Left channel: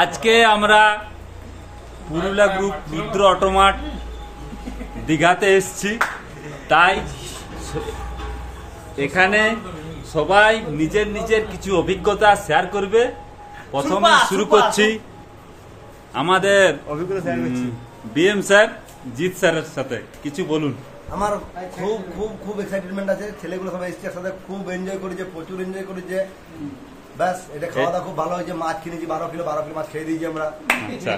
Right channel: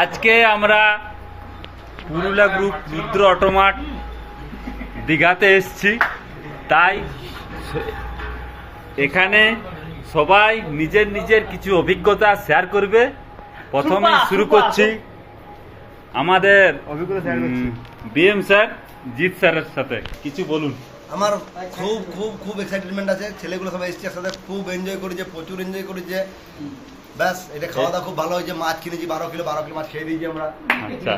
আজকে আমরা পুরুলিয়া গ্রুপ রুদ্র অটোমার্ট দীঘাতে এসেছি, তাই এখানে সবাই নিজের নিজের কিছু অভিজ্ঞতা শেয়ার করবে। প্রথমে শুরু করছি আমাদের বিএম স্যার জিৎ স্যারের সাথে। কিছু বলুন। আমার খুব খুব খুব এক্সাইটমেন্ট আছে, ছেলেগুলো সবাই এসছে একসাথে, খুব এনজয় করেছে, প্রচুর এনজয় করেছে। ব্যাস, এটা খাওয়া দাওয়া খুব ভালো হয়েছে। মাছ কিনেছি 12 কিলো মাছ খেয়ে দিয়েছি আমরা। আচ্ছা,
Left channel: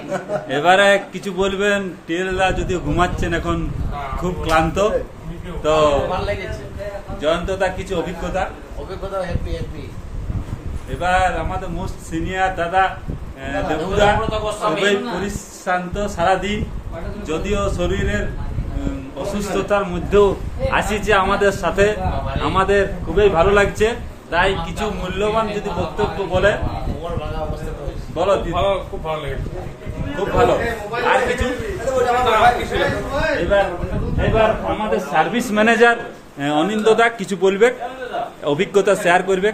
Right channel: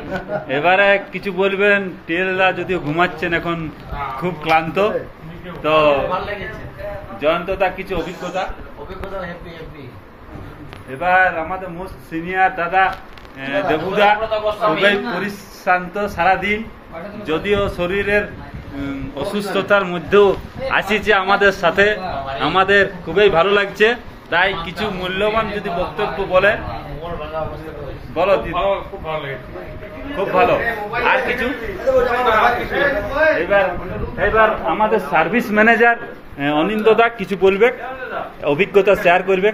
এবারে কিছু বলবেন। টিএলরা যদিও ঘুমাচ্ছেন এখন, খুব ক্লান্ত, তো জয়ন্তদা কিছু অভিজ্ঞতা। এবার আমাদের মোস্ট সিনিয়র দাদা দেবুদা, খুবই পরিশ্রান্ত সারাদিন, যদিও শরীরের অসুস্থতার মধ্যেও আসিছে আমাদের সাথে। আমাদের খুবই ভালো লাগছে, তাই কিছু মূল্যবান যদি বক্তব্য বলে বলো। খুব ভালো। আর কিছু? এবার আমাদের সার্ভিস ম্যানেজার অনিন্দদা কিছু বলবে, অভিজ্ঞতা শেয়ার করবে।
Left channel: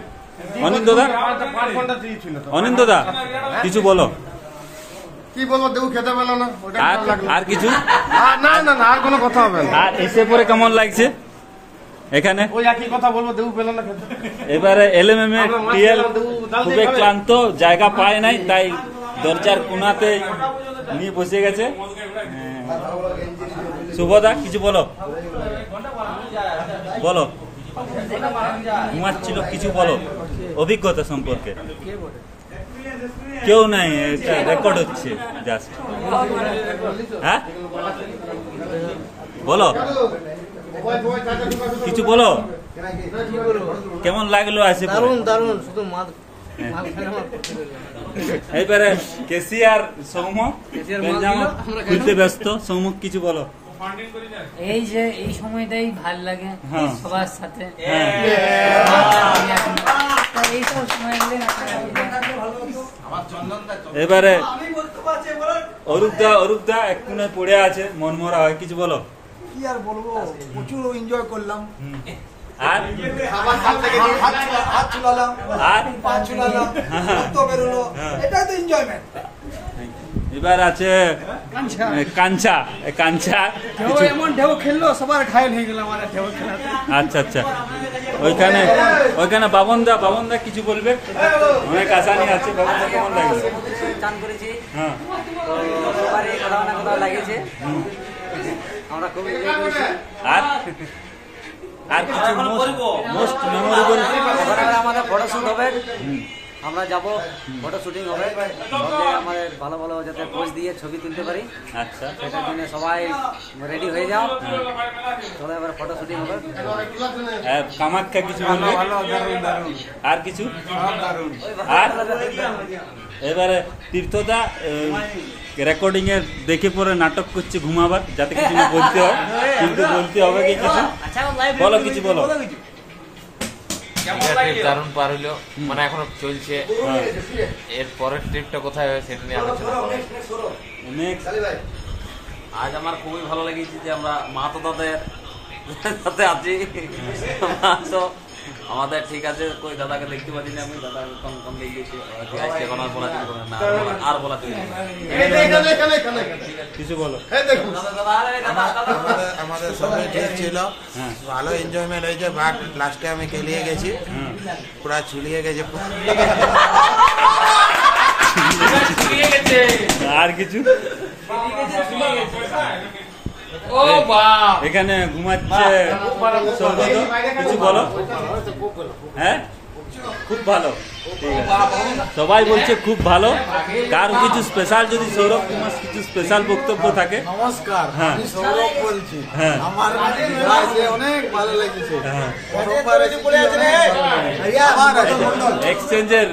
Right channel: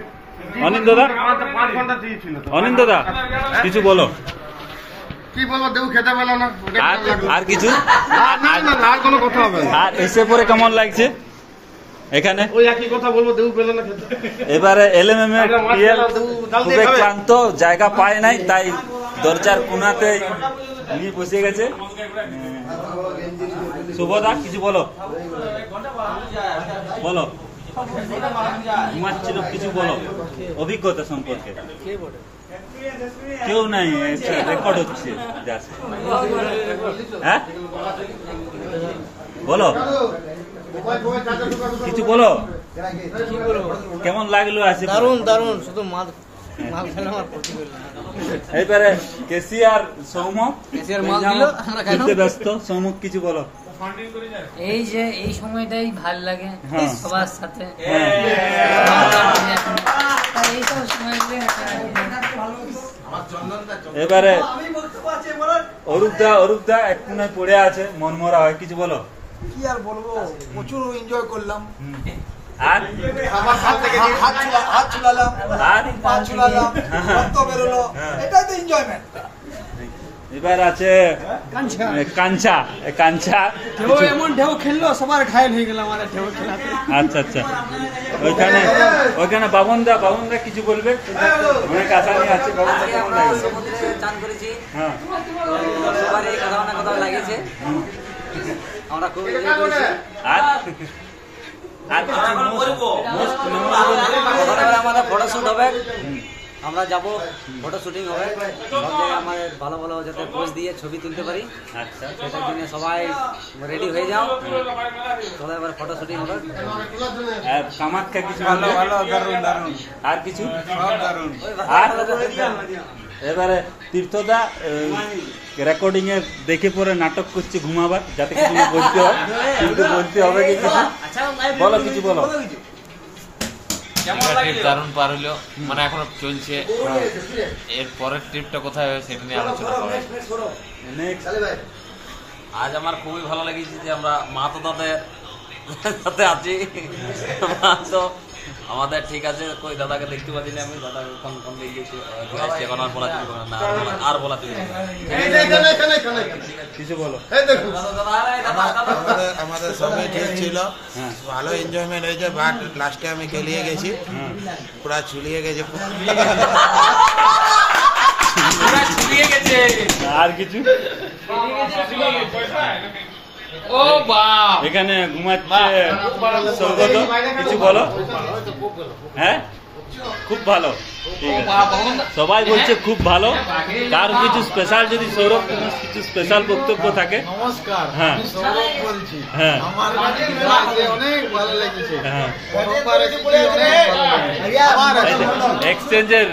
অনিন্দদা কিছু বলো। কি বলবো, দেবু খেতে পেলো না। আর কিছু? আর কোনো কথা হবে না। আর এসে পরে কেমন লাগছে এখানে? ওই একই কথা বলবো, দেবু পেলো না খেতে। এবারে এলএমএম এর টিএল খুবই ক্লান্ত, জায়গা পায় নাই, তাই দরজার কোনাতে নিয়ে বসে গেছে। শুভদা কিছু বলো। ঘুমাচ্ছিল, কিছু বলো অভিজ্ঞতা সম্পর্কে। কেউ নাই, রেকর্ড হচ্ছে। হ্যাঁ বলো, কিছু বলো। কেমন লাগলো? আছে দারুণ শুধু এবারে কেসিআর সৌম খেলতে ব্যস্ত। সৌম কিছু বলো। এই যে এই সময়টাই ভাল লাগে সবার সাথে। এবারে অরূপদা এক কোনায় পড়ে আছে, মনমরা হয়। কিছু বলো। কি আর বলবো, প্রচুর এনজয় করলাম। আর হাত চুলালাম, আর পা চুলালাম, রক্ত বেরোলো, এটাই তো এনজয়মেন্ট। এবার আছে কাঞ্চা। এমন ঢেউ খেললো, সবার ঘায়ল হয়ে গেলাম আমার ঢেউ খেলাতে। আচ্ছা, ওইখানে বাবনদা কিছু বলবে। অনেক আসামি আছে। বাবনদা কেমন লাগে? চান করেছি, হ্যাঁ, সবার এই কোথাও না কোথাও লাগেছে, আমরা খুব এনজয় করেছি। আর আমাদের ফটোশুট হবে, আমরা যাবো, ফটো শুটিং হবে সব জায়গায়। আমাদের ভালো ভালো যাতে পোজ দিয়ে ছবি তুলতে পারি। আচ্ছা, সেটার জন্য সবাই রেডি হয়ে যাও, চলো এবার ফটো শুটিং হবে। কামাখ্যা কিছু ভালো দারুণ। আর কিছু? দারুণ। আর এবারে তীর্থদা রেকর্ডিং এ দেখে পরে নাটক করছে ঘুমাবার, যাতে কিছু বলতে হয়, কিন্তু বলতে হবে কি কিছু বলো। কিছু বলো। দারুণ পার হইলো, মানে এখনো চলছে। এর পরের ট্রিপটা কোথায় হবে সেটা নিয়ে আলোচনা করে। আজ আমার খুবই ভালো লেগেছে যে আমরা মাহাতো দাদের সাথে আছি। তো আমাদের ঠিক আছে, কই দাদাকে দেখতে পাচ্ছি না আমি। দাদা কোন দিকে গেছে, এখন আর বলা চলবে না, আর বলা চলবে না। কিছু বলো। আমাদের সবাই ঠিক ছিল, ভালো এনজয়মেন্ট হয়েছে। বাট লাস্টে আমি খেলিয়ে গেছি, পুরা ছুলিয়ে গেছে। আর কিছু? এখানে ঘুমাচ্ছে সৌগত, কিছু বলো। হ্যাঁ, খুব ভালো। ঠিক আছে, সবাই বলছে খুব ভালো। তার কিছু স্পেশাল, যদি সৌরভ তোমার কিছু স্পেশাল বক্তব্য থাকে। নমস্কার, হ্যাঁ, আমি সৌরভ বলছি। হ্যাঁ, আমার অনেক ভালো লেগেছে। হ্যাঁ, এক্সচেঞ্জের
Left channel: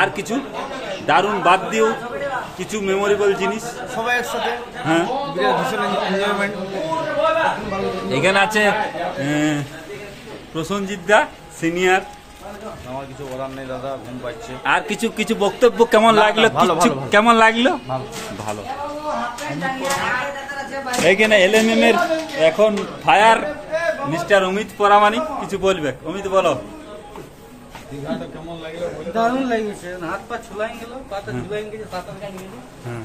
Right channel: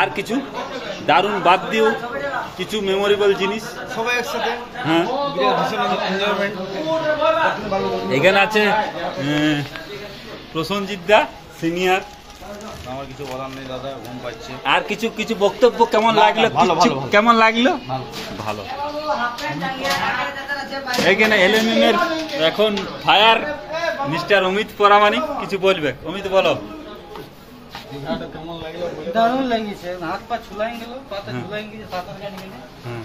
আর কিছু দারুণ বাদ দিও কিছু মেমোরেবল জিনিস সবাই একসাথে। হ্যাঁ, এনজয়মেন্ট। এখানে আছে প্রসঞ্জিৎ দা সিনিয়র। আমার কিছু বলার নেই দাদা, ঘুম পাচ্ছে। আর কিছু বক্তব্য কেমন লাগলো? কেমন লাগলো? ভালো। এখানে এলএমএম এর এখন ফায়ার মিস্টার অমিত পরামানিক কিছু বলবে। অমিত বলো। দারুণ লাগিয়েছে, হাত পা ছুলাই গেল, পাতা ছুলাই গেছে, সাঁতার কাটি গেছে। হ্যাঁ